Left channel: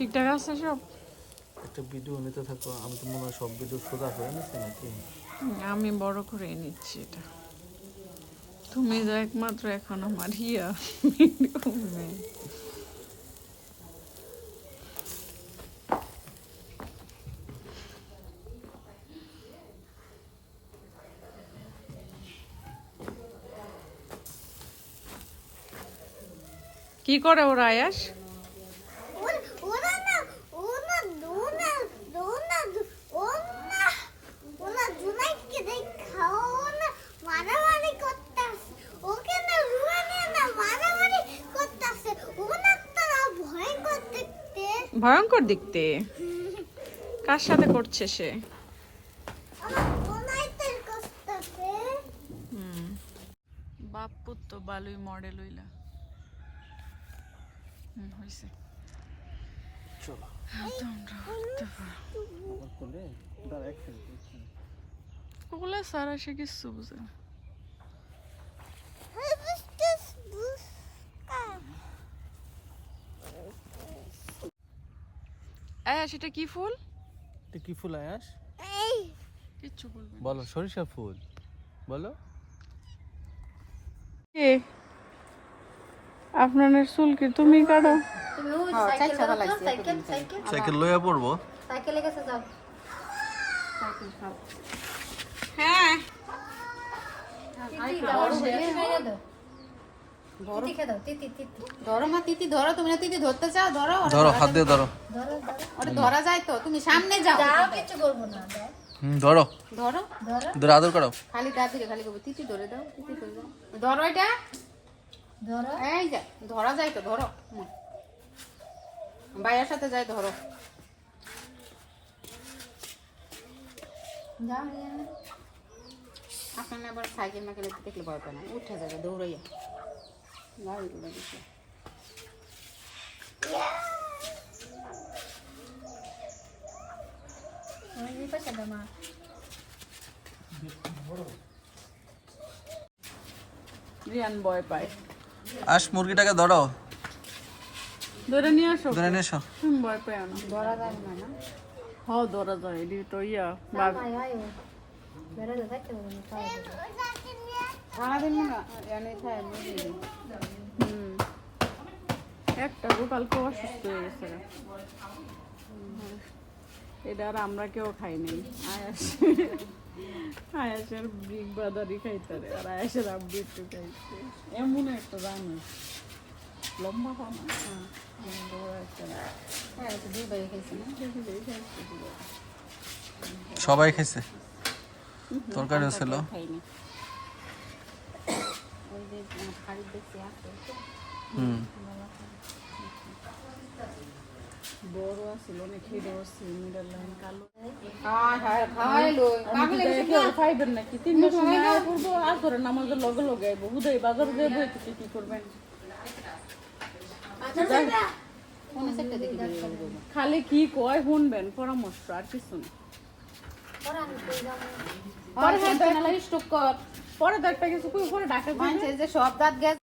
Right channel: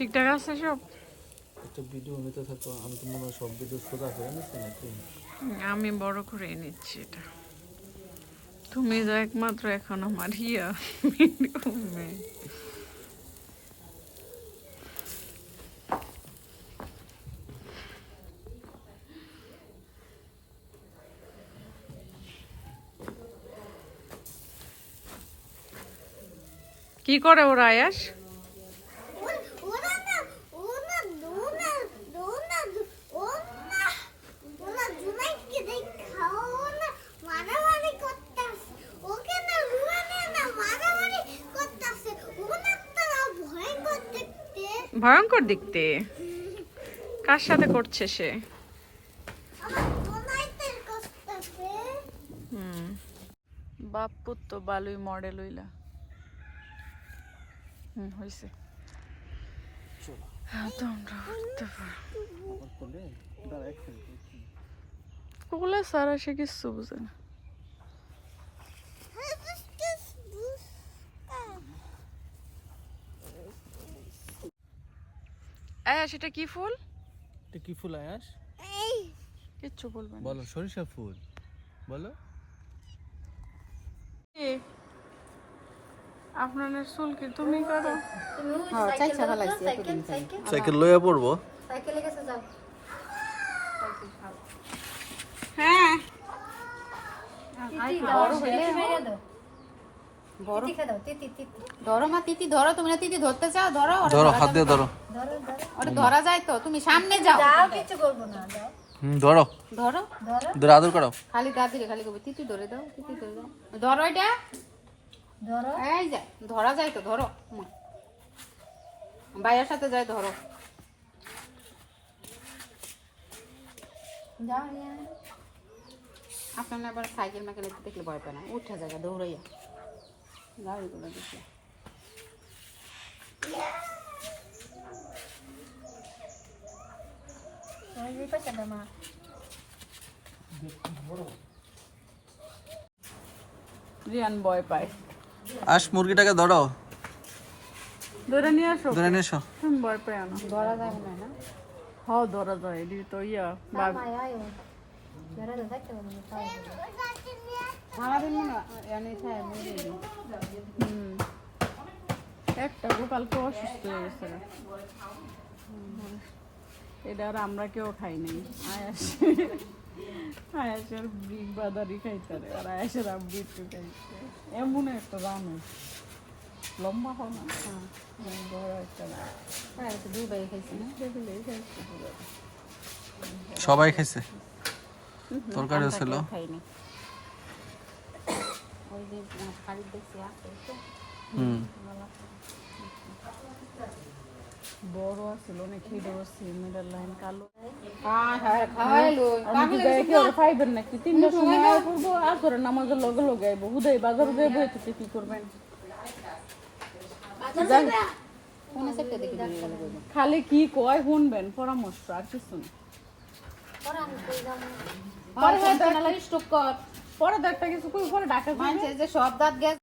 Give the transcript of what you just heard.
ঠিকঠাক আছে সব? একটা ভিডিও নিতে থাকো, আমি তো মনে হয় সব ভিডিও সোজা করে নিচ্ছি নাকি? আমি বড় করে নিচ্ছি এটা। তুমি তো একমাত্র এখন আমার ইয়া মেয়ে। কি করে ওরা আয়াস? ভয়ঙ্কর দেখতে। কার সাথে করছে সে? বাপ্পুর তো বালুই মডেল হইলা। হয়েছে। চলো কোলে সারা সে কিছু বুঝে না। সেটা কি ফুল? এটা কি ফুল আয়াস? কিচ্ছু বলবে না। বলো সরিষা ফুল বলো। আপনার চুল কি তুমি কাটো? সাইকেল লইয়া পড়বো। হ্যাঁ ধরো মা, তিতি ধরো। তুমি না তিতি ধরতে চাও? ধরো ধরো, হাত দিয়ে ধরো। ওটা ধরা যায় তো, তুমি সামনে যাও। কিছু করবো না, ধরো ধরো ধরো, আদর করো। খালি গা ধরে খালি করবো। তিতি ধরে দাও, তিতি ধরে দাও। ধরো এটা, ধরো। এই যে ধরা যায় তো, ধরো। ভাইয়ের সাথে যাই, ধরো। যাও রিয়া। আপনার আবার সাইকেল না কিনে দেখলে ভয় পায় না, উঠে যাবে দৌড়াইয়া। গাড়িগুলো দেখে রিয়ান ভয় পায়। আস মুরগিটাকে ধরো, ধরে নিয়ে আসো। ধরে নিয়ে এসো। তুমি ভয় পায় না। ধরা যায় না না? হ্যাঁ ধরা যায়। এটি তো ইয়া আয় আয় ধরা যায়, থাকতে পারবো না, তাও সারাদিন না এনে খায় মরে দিই। একটা গোপালকে অসুস্থ হয়ে গেছে না। এটা আর আমরা কেউ খাই নাই। আয়াসের বিগ বাদারি খাইতারে, আর আয়াসের আব্বু একটু খাইছে। এমন একটা রান্না লম্বা হয় না, বড় একটা দুবাই খাইছি। সবাই খাইছে, তরকারিও ছিল। খাইনি। বড় আছিল অনেক, খেতে বসছি মিডল লাইন কালো। আমি তো দেখি ওরা পাইবেন নাকি 3টার সময় আয় পড়বো, আর করে নামাজের লগে লগে আইবো। উদয় বাজারে যাবো, এতে কি করবেন? খালি কি কয় শুনবেন, পরামর্শ আর কিছু না। পরে একটা কিছু কই পরে ডাকা যে সব দাঁত গেছে।